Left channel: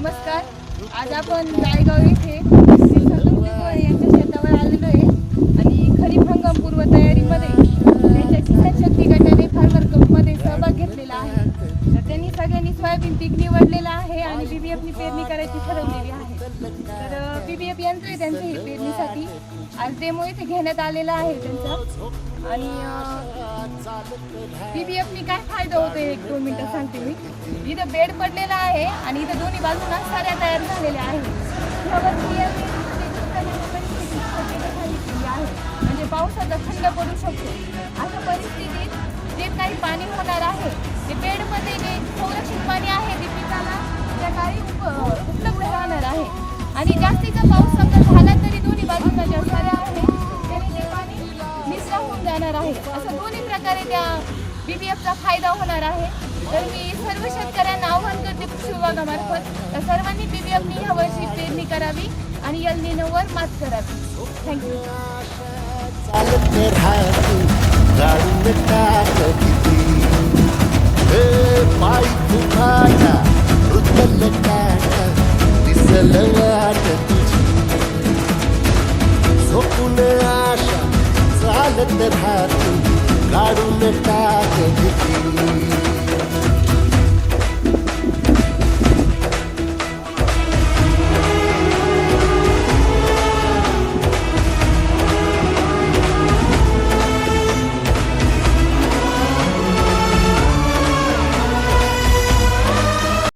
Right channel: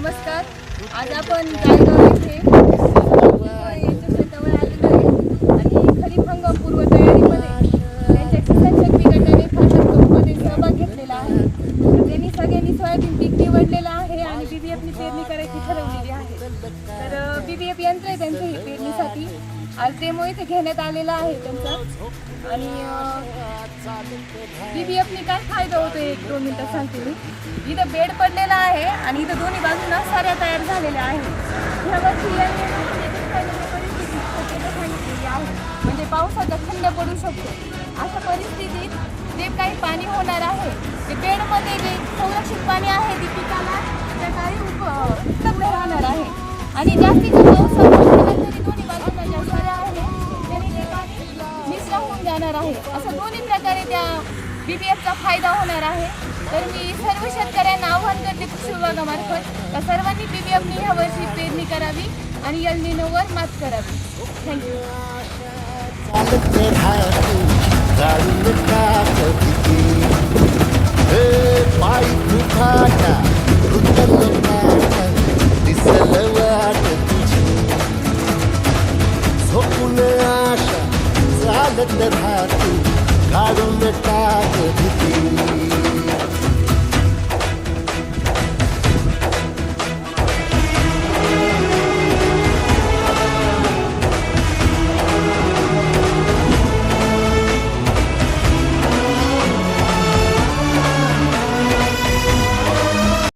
नमस्कार. आज आपण रायगाव येथे यांच्या शेतावर आलेलो आहे आणि खरीप हंगाम पूर्व तयारीमध्ये त्यांच्या किसान शक्ती गटाने फार्मर कपमध्ये सहभाग घेतलेला आहे. तर त्यांनी सगळ्यांनी सोयाबीन पीक निवडलेलं आहे आणि BBFनी पेरणी करायची ठरवलेली आहे. तर BBF यंत्र आहे त्यांचं ही पेरणीसाठी. आज डेमो इथे घेण्यात आलेला आहे त्यांचा. आणि BBFनी काय फायदा होतो 1-2 मिनिटं सांगते मी. इथं बेड पडलेला आहे आणि इथं दोन्ही बाजूला साऱ्या तयार झालेल्या आहेत. ह्यावरती परिस्थिती शक्यता सांगितलेली आहे, म्हणजे पावसाचा खंड पडू शकतो. अशा परिस्थितीत जे काही पाणी होणार आहे ते बेडमध्ये जे संरक्षित पाणी आहे ते पिकाला त्या काळी उपलब्ध राहणार आहे. आणि जास्तीचा पाऊस झाला तरी दोन्ही बाजूला ज्या साऱ्या आहेत त्याने ते पाणी निचरा होऊन जाणार आहे. असं दोन्ही प्रकारे त्या BBFचा फायदा होणार आहे. तर मी सर्व शेतकऱ्यांना आवाहन करते कृषी विभागामार्फत तर सर्वांनी BBFनी ह्या वर्षी पेरणी करावी आणि एल निनोवर मात करावी. थँक्यू. आशा चालत राहतो काढून टाक भीती.